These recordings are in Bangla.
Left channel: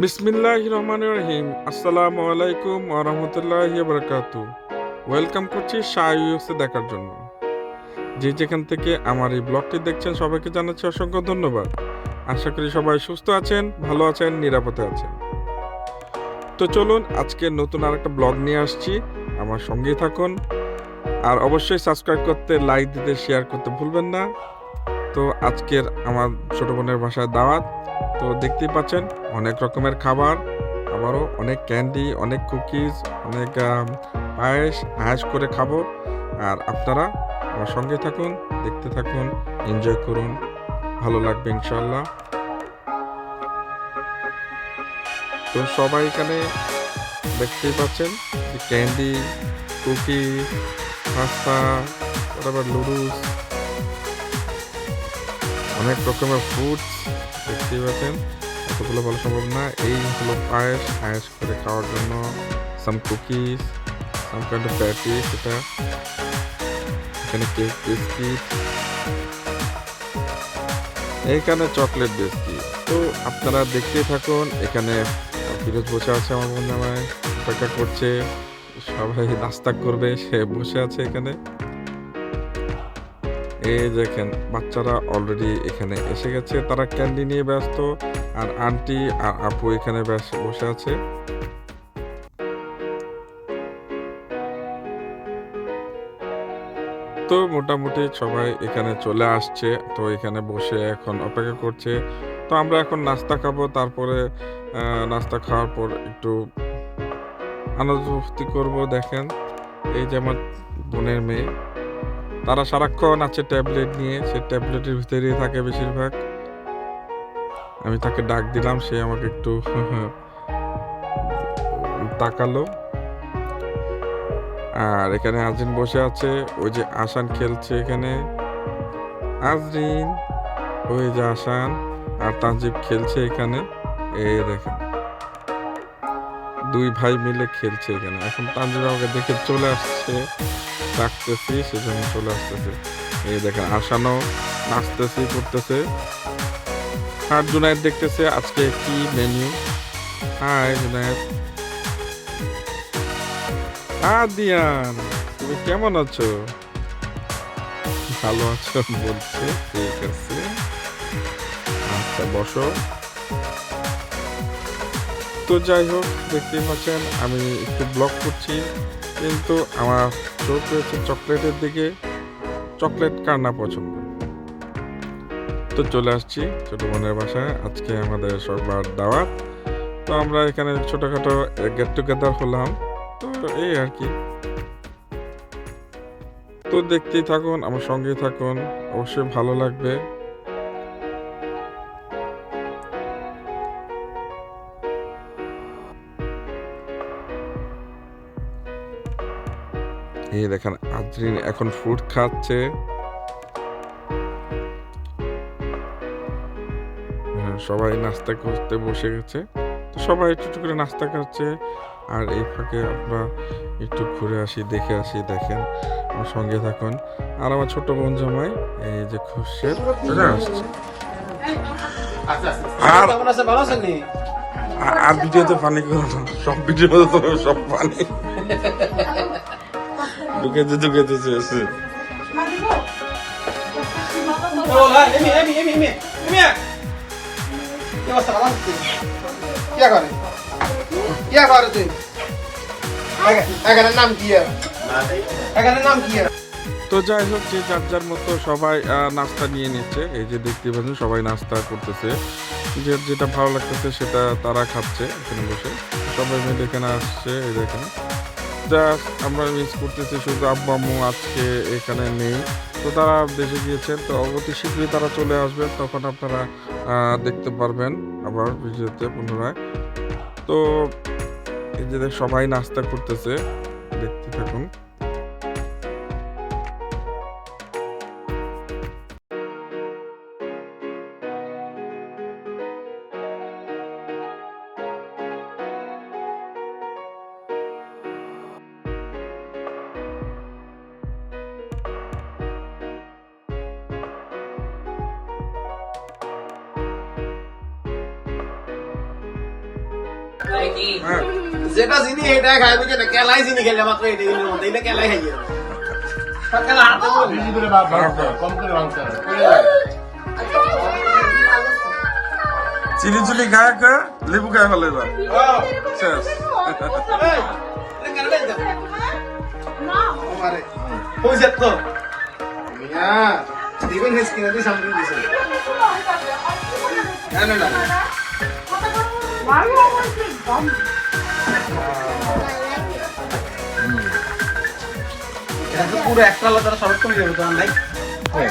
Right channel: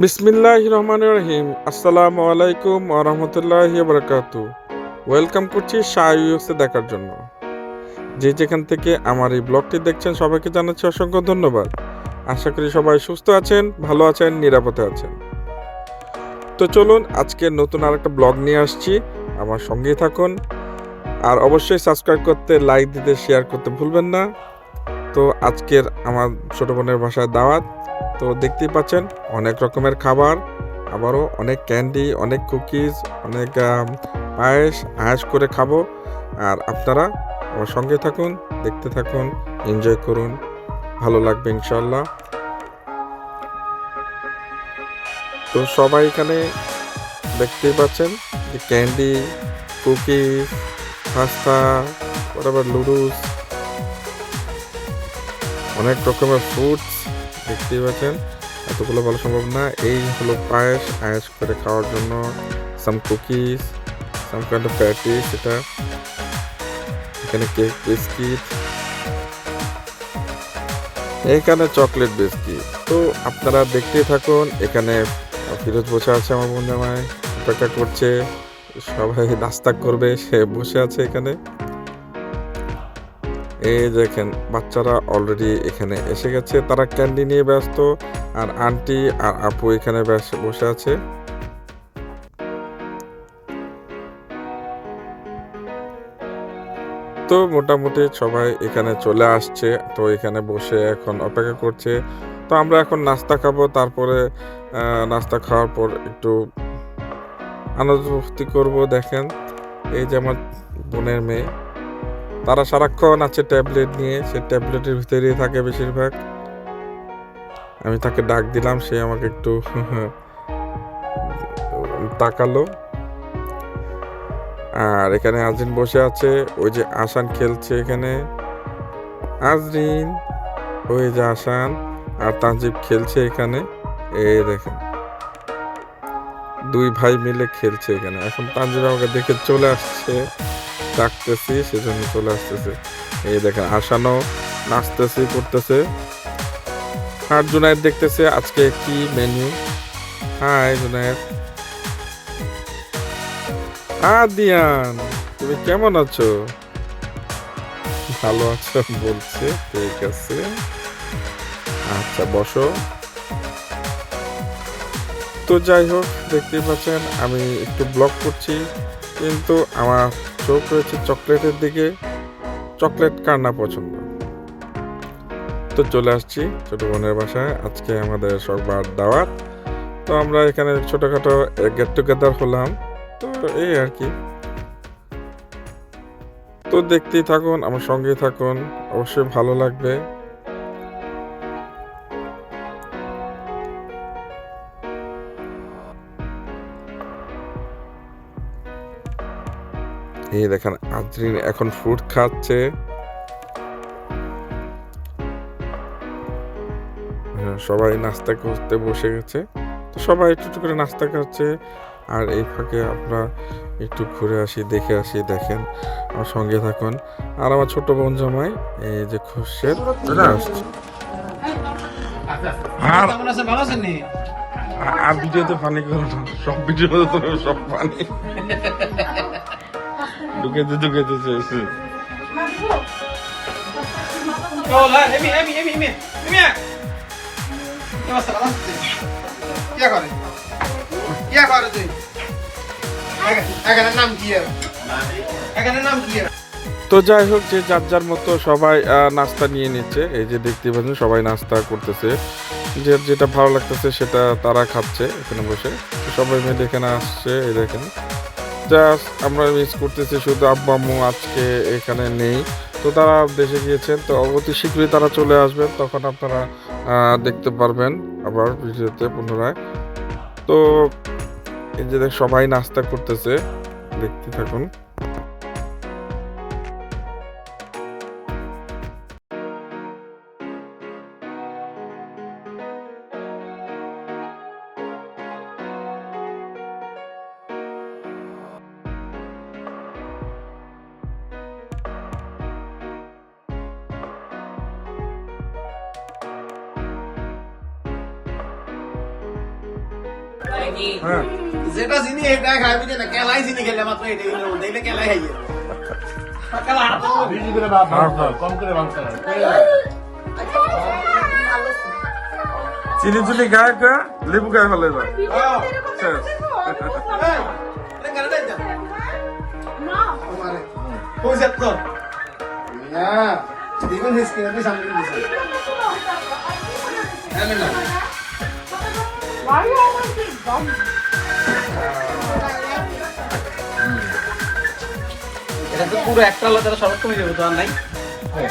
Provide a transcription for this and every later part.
বিসমিল্লাহ রহমান রহিম। আসসালামু আলাইকুম আরহামতুল্লাহ বরকাতু ওয়েলকাম করছি শাহ ইউএসএ দেখার জন্য। যে যেখান থেকে আমার এই ব্লগটি দেখছেন, সবাইকে জানাচ্ছি অসংখ্য ধন্যবাদ। আশা করি সবাই সুস্থ আছেন, ভালো আছেন, নিরাপদে আছেন। তো চলুন, আজকে নতুন আর একটা ব্লগ নিয়ে আসছি। আমার সঙ্গেই থাকুন। আর অবশ্যই সাবস্ক্রাইব করতে, লাইক দিতে শেয়ার করতে ভুলবেন না। তো আজকের আমার ছোট বোনের ভাষায় দাওয়াত। তো দেখতেই পাচ্ছেন, অনেক রকমের খাবার, আবারও অনেক ক্যান্ডি অনেক কুকিজ অনেক পায়েস আয়াস করে খাব। আর আপনারা আমার সঙ্গে থাকুন, দেখতে থাকুন এনজয় করুন। ভালো লাগবে ইনশাল্লাহ তো সবাই এখানে দেখতেই পাচ্ছেন যে ক্যান্ডি কুকিজ পাস্তা আবার লুডুস অনেক রকমের ফ্রুটস দেখতেই পাচ্ছেন, এতগুলো বলা সম্ভব না। এই হলো পায়েস আয়েস করে খাওয়ার জন্য some cookies some kind of patties এটা। এখানে কেক বিস্কিট এইখানে চকলেট বিস্কিট তো আপনারা দেখতেই থাকুন, এখানে ফিরোজ বসে আছে আমার বোন জামাই, অপেক্ষা করছে। সবাই নাস্তা করবে, সে বসে আছে এখানে। এই দেখেন, বাচ্চারা অলরেডি এখানে এসে গেছে। তারা ক্যান্ডি নিয়ে ব্যস্ত, আর আন্টি আর আপু এখানে বসে আছে। তো মোটামুটি সবাই এখানে চলে আসছে, তো এখানে বসে এখন অপেক্ষা করছে। তো আমরা এখন নাস্তা খাব, তারপরে নাস্তা খাওয়ার পর একটু আনন্দ করব, দেখেন। এই যে আমার বোনের মেয়ে। তারা সারাক্ষণ আছে ট্যাবলেট নিয়ে, সে ট্যাবলেটের ভিতরেই থাকে বেশিরভাগ। আমি তাকে ডাক দিলাম, সে আমাকে একটু তাকালো। আর এখানে আজরিন বসে আছে, ওই যে আসান খেলছে এখানে। আজরিন ওই যে আসান আর তানজিব খেলছে এখানে। এই দেখেন, দুই ভাই মিলে খেলছে এখানে। এখন তানজিব আমাকে দেখে চলে আসছে। ডাকতেছি, সেজন্য চলে আসতেছে। এই দেখেন আসানো নাচতেছি, করতেছে। আর জুনায়েদ দেখতেছে আজকে কি মেনু হাই জুনায়েদ। আদিয়ান, তুমি কেমন আছো? ভালো আছো বলছে, ঠিক আছে। আচ্ছা বসো। তো যাই হোক, দেখতেই পাচ্ছেন, আমি একটু ব্লগ করছি, কিন্তু আমার চোখ রয়েছে চকলেটের দিকে। চকলেট কার না পছন্দ? তো চলে আসছি ছোটো বোনের বাসায়। আজকে আমাদের সবার দাওয়াত। তো আমরা এখানে ছোটোখাটো গেট টুগেদার হলাম। তো এই আর কি। তো দেখতেই থাকুন, আমার সঙ্গেই থাকুন। অবশ্যই ভালো লাগবে। এই দেখেন আজরিন এখন ফ্রুট খাচ্ছে। হ্যাঁ, সবাই নাস্তা করতে বসে গেছে। তো সবাই একটু একটু করে নাস্তা খাচ্ছে। আর এই ফাঁকে আমরা একটু ঘুরে আসি দেখে আসি দেখেন। আমার সঙ্গে থাকুন। আর আমার ছোট বোন জামাই এই যে খুশের আসছে। আর আর ভিডিওতে পানি করো সব ভিডিওতে সব পানি ঢুকেতে হ্যাঁ তো যাই হোক যে যার যার মতো সবাই আহ, নাস্তা নিয়ে নিচ্ছে। এই যে দেখতে পাচ্ছেন সবাই নাস্তা করতেছে। যে যেটা ভালো লাগতেছে সেটা তারা খাচ্ছে এখানে বসে। সবাই মিলে এখানে আসছে এই দেখেন। জাস্ট আমরা মিস করতেছি, শুধু আব্বু আম্মু আজকে এখানে নেই। তো তারা দেশে গিয়েছেন, তো অতি শীঘ্রই তারা চলে আসবেন, তখন আপনারা দেখতে পারবেন আবার ভিডিওতে পুনরায়। তো এই যে সবাই নাস্তা করতেছে, দেখতে থাকুন। যেটা চিনি এটাই খাই বুঝে না? কেলাই চিনি খেলে মাত্র এটা দিলে মধ্যে এটা কেলাই খাইয়ে। চিনি চিনি গায়ে কা? লেবু গায়ে ফেলে এবার। শেষ। পয়সা দিবেন স্ক্রিনে দিয়ে সামনে দিছে না। না না এটা তো পুরো একটা আলাদা শরৎ কমে যাবে তো আর নাই? হ্যাঁ,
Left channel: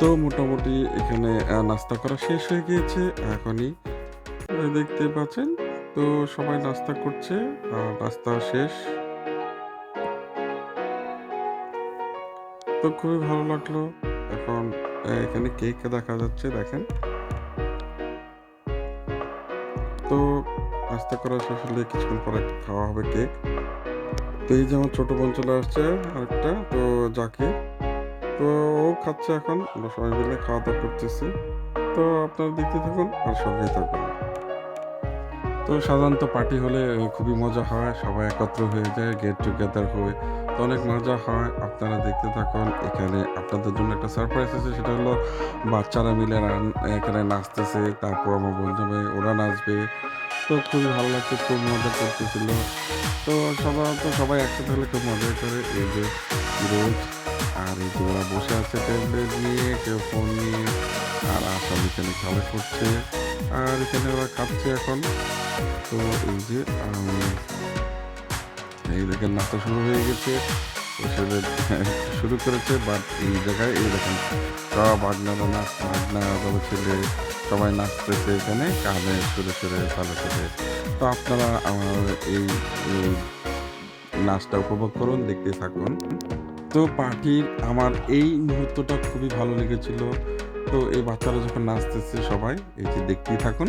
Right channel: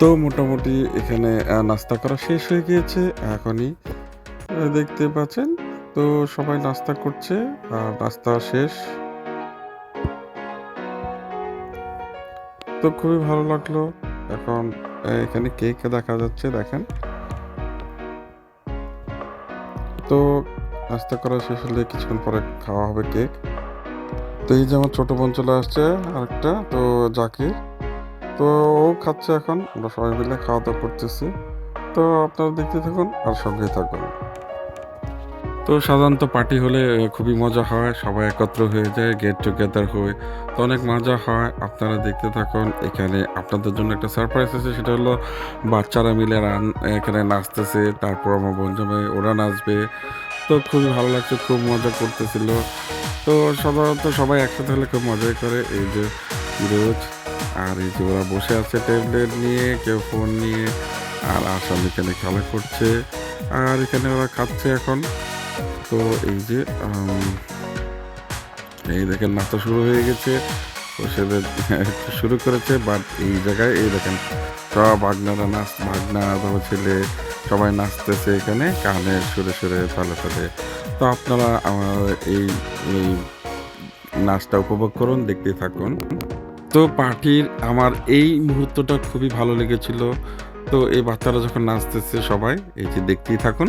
তো মোটামুটি এখানে নাস্তা করা শেষ হয়ে গিয়েছে এখনই। দেখতে পাচ্ছেন, তো সবাই নাস্তা করছে নাস্তা শেষ। তো খুবই ভালো লাগল। এখন এখানে কেক দেখা যাচ্ছে, দেখেন। তো নাস্তা করা শেষ হলে কিছুক্ষণ পরে খাওয়া হবে কেক। তো এই যে আমার ছোট বোন চলে আসছে আরেকটা, তো জাকির। তো ও খাচ্ছে এখন, আমরা সবাই মিলে খাওয়া দাওয়া করতেছি। তো আপনারা দেখতে থাকুন আর সঙ্গেই থাকুন। তো সাধারণত পার্টি হলে খুবই মজা হয়, সবাই একত্র হয়ে যায় গেট টুগেদার হয়। তো অনেক মজা হয়, আপনারা দেখতে থাকুন। এখানে আপনাদের জন্য একটা সারপ্রাইজ আছে, সেটা হলো বাচ্চারা মিলে রান, এখানে নাচতেছে, তারপর আমার মেয়ে ওরা নাচবে। তো খুবই ভালো লাগছে, খুব মজা করতেছিল। তো সাধারণত সবাই একসাথে হলে খুব মজাই করে। এই যে রোজ আর এই যে ওরা বসে আছে ট্যাবলেট নিয়ে, কেউ ফোন নিয়ে, আর আসাম এখানে খেলা করছে, আর এখানে ওরা খাচ্ছে এখন। তো এই যে এই দেখেন নাস্তা শুরু হয়ে গেছে। ওষুধের শুরু করেছে বাট এই জায়গায়, এই দেখেন, সব ভাগনারা নাচ, ভাগনা, তারপর ছেলে সবাই নাচতেছে এখানে কানে সুরে সুরে তালে তালে তো আপনারা আমার এই নাচটা উপভোগ করুন, দেখতে থাকুন। তো পার্টির আমার এই মুহূর্তটা খুবই ভালো লেগেছিল। তো এই বাচ্চারা যখন নাচতেছে সবাই, এই যে দেখতেই থাকুন।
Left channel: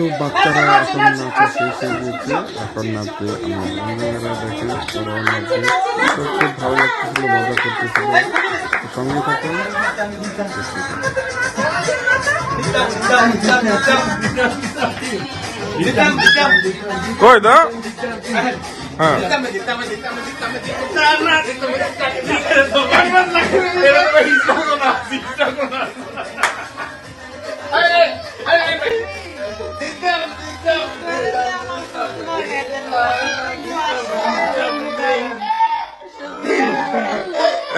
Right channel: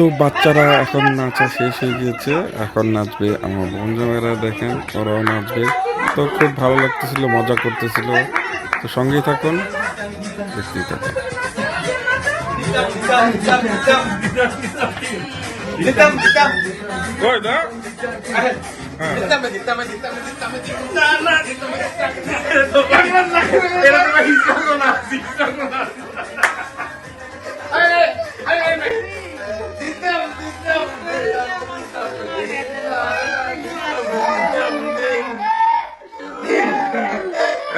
তো বাচ্চারা এখন নাচা শেষ হয়ে গিয়েছে। এখন নাচবে আমার বন্ধুরা দেখেন ওরাও নাচবে। তো খুব ভালো লাগতেছিল মজা করতেছিল। তো সঙ্গে থাকুন থাকুন। হ্যাঁ।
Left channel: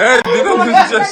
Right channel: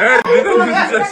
এই দিদাম দিচ্ছিস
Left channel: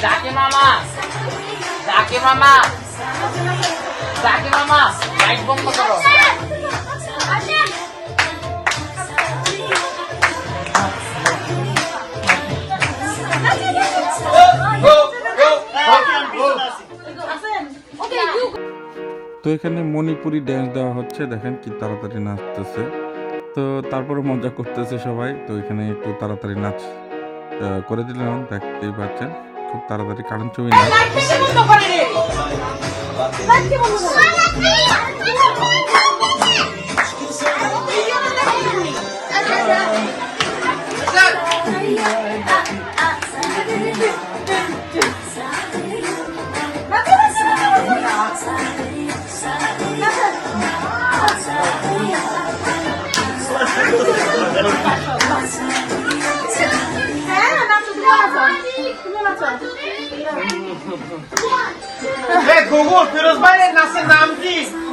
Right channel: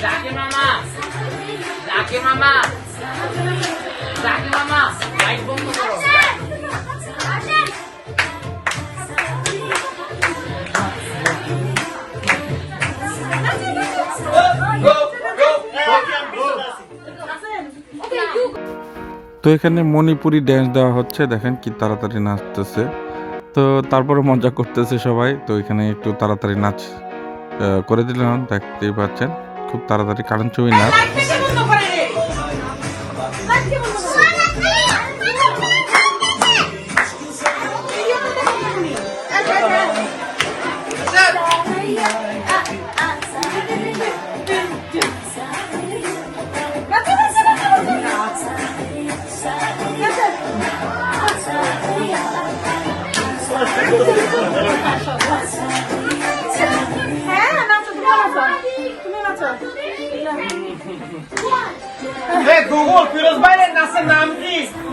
Zakir Mama. Zakir Mama. Zakir Mama. Zakir Mama. তো এখানে মণিপুরি ড্যান্স দেওয়া হচ্ছে। দেখেন কি তাড়াতাড়ি নাচতেছে। তো তারপরে মজা করতেছে সবাই। তো এখানে একটু তাড়াতাড়ি নাচ করে দিলাম। দেখতেই পাচ্ছেন, খুব তাড়াতাড়ি কারণ ছবি নাচ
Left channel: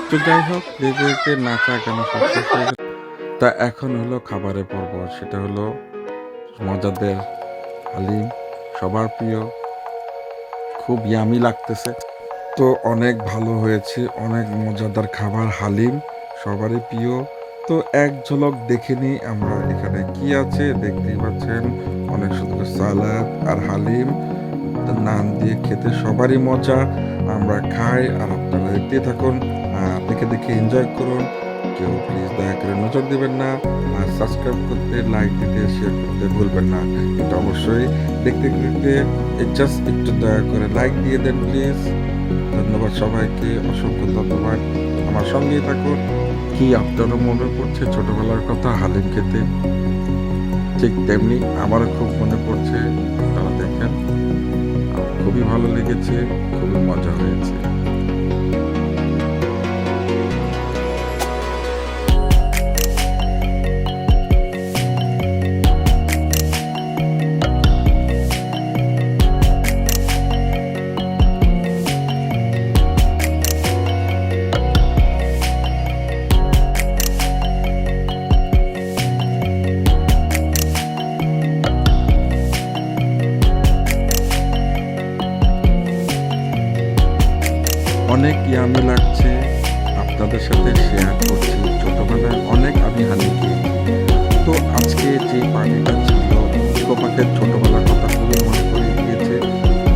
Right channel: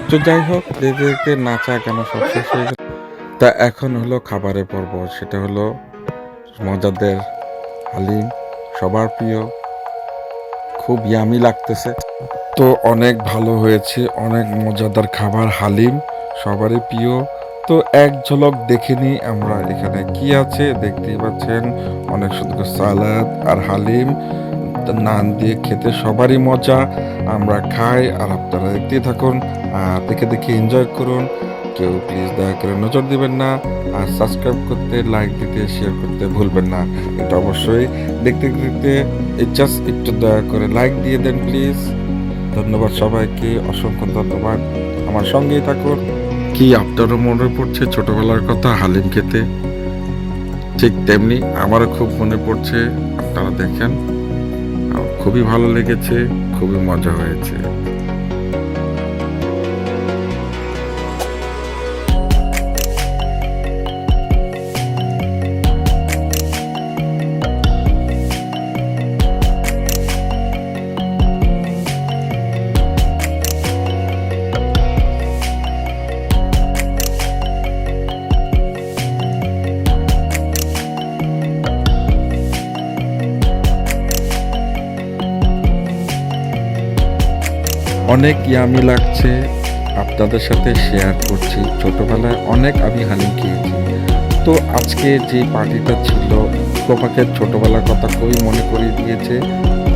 তো যাই হোক দেখতে নাচা কেন সব হয়ে তা এখন হলো খাবারের পর্ব, সেটা হলো মজাদের হালিম, সবার প্রিয়, খুব ইয়ামি লাগতেছে। তো অনেক ভালো হয়েছে, অনেক মজাদার খাবার, হালিম, সবারই প্রিয়। তো এক ঝলক দেখে নিই আমরা। এখানে কি আছে দেখতেই পাচ্ছেন? অনেক সুন্দর সালাদ আর হালিম, নান দিয়ে খেতে সবারই মজা। আমরা খাই আর আপনারা দেখতে থাকুন দেখে দেখে এনজয় করুন। কেউ প্লিজ দয়া করে নজর দিবেন না আর সাবস্ক্রাইব করতে লাইক দিতে শেয়ার করতে ভুলবেন না। এটা অবশ্যই দেখতে দেখতে জাস্ট একটু দয়া করে লাইক দিয়ে দেন প্লিজ ধন্যবাদ সবাইকে, অসংখ্য ধন্যবাদ। আমার সঙ্গেই থাকুন। কি আপনারও মনে পড়ছে ছোটবেলার কথা হালিম খেতে? ঠিক তেমনি আমারও খুব মনে পড়ছে, আপনারা দেখেন। খুবই ভালো লেগেছে, খুবই মজা হয়েছে। অনেক ইয়ামি লাগছে। আপনাদের সাথে শেয়ার করছি। ছোটোবেলায় অনেক আমি হানি খেয়েছি। তো আজকে যে পার্টিটা ছিল প্রপাকের ছোটোবেলার কথা খুবই মনে করিয়ে দিয়েছে।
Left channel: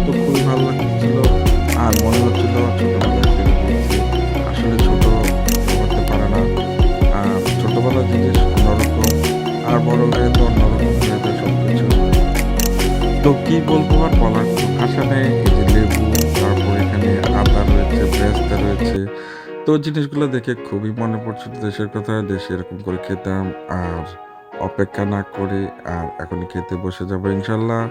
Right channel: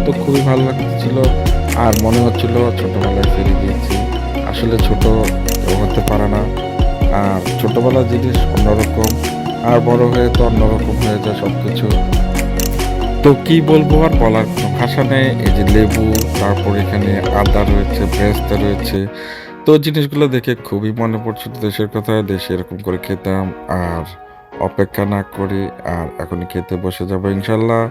তো খুবই ভালো লাগছিল। আর মনে হচ্ছিল ছোটোবেলায় ফিরে গিয়েছি। আসলে ছোট হতে পারে না। আর ছোটোবেলার জিনিস অন্যরকম, আর বড় হয়ে তো অন্যরকম হয়ে যায় সব কিছু তো কী বলব আর বলার নেই এই যে লেবু, তারপর এখানে আদা রয়েছে ব্রেস্তা রয়েছে। তো জিনিসগুলো দেখে খুবই মনে পড়ছিল দেশের কথা, দেশে এরকম করে খেতাম আর অপেক্ষা না করে আর এখনই খেতে বসে যাব ইনশাল্লাহ।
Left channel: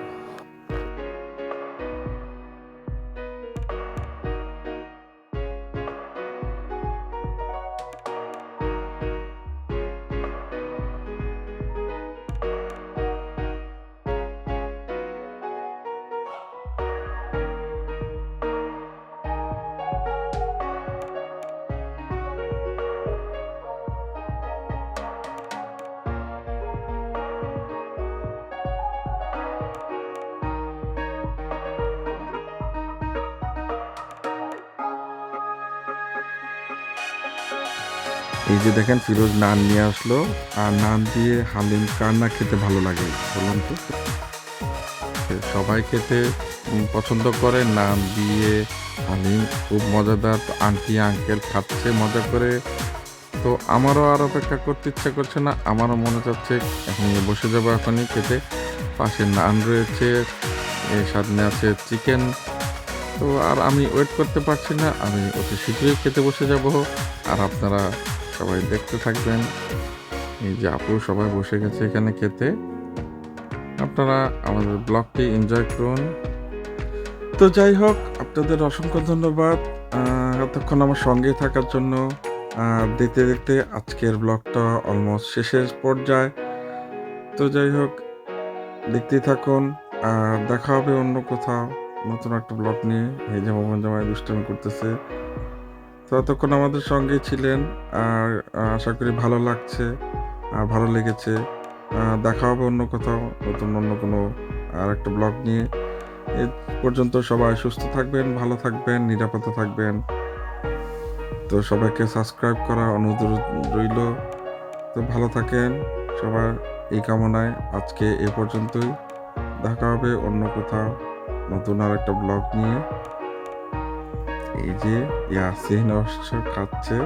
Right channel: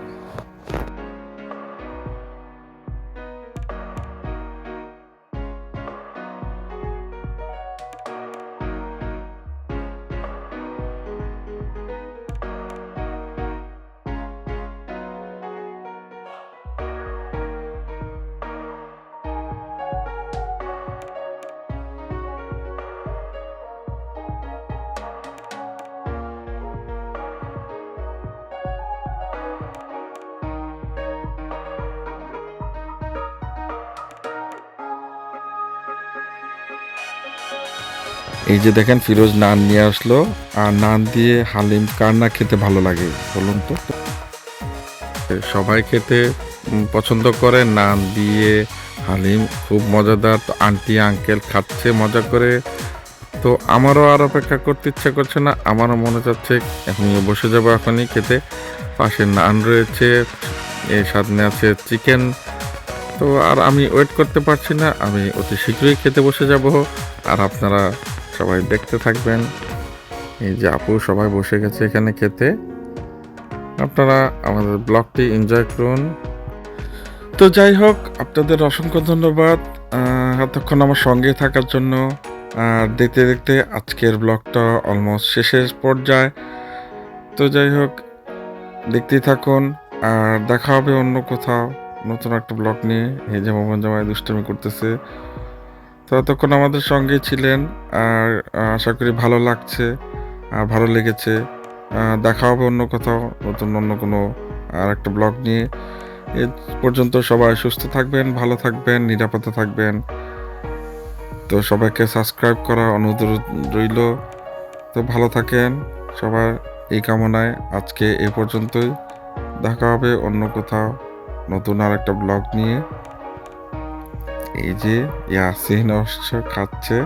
এই যে দেখেন, ফিরোজ নান নিয়ে আসলো। আর নান দিয়ে হালিম কার না খেতে ভালো লাগে, বলুন তো? সবাই খেতে পছন্দ করে নান দিয়ে হালিম। খুব মজাদার, তো আন্টি, আঙ্কেল খাচ্ছে মজা করে। তো আমারও আর অপেক্ষা করতে ইচ্ছা করছে না, আমারও মনে চাচ্ছে এখন বসে যাব এখনই খেতে। পাশে নান রয়েছে এর সামনে আছে চিকেন। তো আর আমি ওয়েট করতে পারছি না, আমি অতি শীঘ্রই খেতে বসে যাব। আর আপনারা সবাই দেখতে থাকবেন। এই যে আপু সবাই বসে গেছে এখানে খেতে। আপনারা আমাদের ব্লগটি এনজয় করুন। তো যাই হোক, আপনাদের অসংখ্য ধন্যবাদ। এতক্ষণ আমার সঙ্গে থাকার জন্য। দেখতে দেখতে আজকের ব্লগটা অলমোস্ট শেষের পর্যায়ে। তো যাই হোক, দেখতেই থাকুন। আর দেখা হবে অন্য কোথাও নতুন একটা ব্লগ নিয়ে। এই যে মোমন জামাই দুষ্টমি করতেছে। তো এতক্ষণ আমাদের সঙ্গে ছিলেন আর আশা করি ভালো লাগছে আর ভালো লেগেছে। দেখা হবে অন্য কোথাও, নতুন অন্য কোনো আর একটা ব্লগ নিয়ে। এ পর্যন্ত সবাই সুস্থ থাকবেন, ভালো থাকবেন, নিরাপদে থাকবেন। তো সবাইকে সাবস্ক্রাইব করা অনুরোধ রইল। তো ভালো থাকেন সবার এই কামনায়। আজকে এ পর্যন্তই। দেখা হবে অন্য কোথাও নতুন আর একটা ব্লগ নিয়ে। এই যে ইয়াসিন অবশ্য খাচ্ছে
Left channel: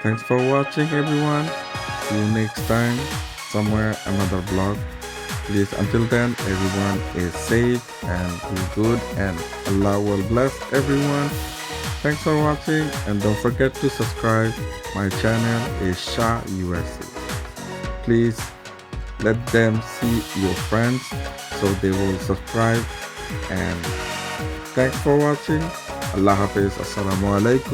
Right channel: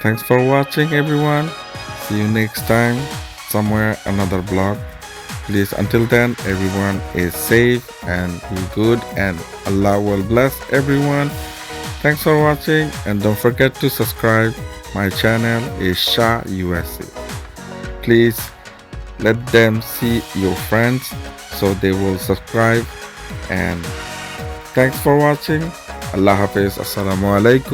thanks for watching everyone see you next time somewhere another blog please until then everyone is safe and be good and allah will bless everyone thanks for watching and don't forget to subscribe my channel is shah usa please let them see your friends so they will subscribe and thanks for watching allah hafiz assalamu alaikum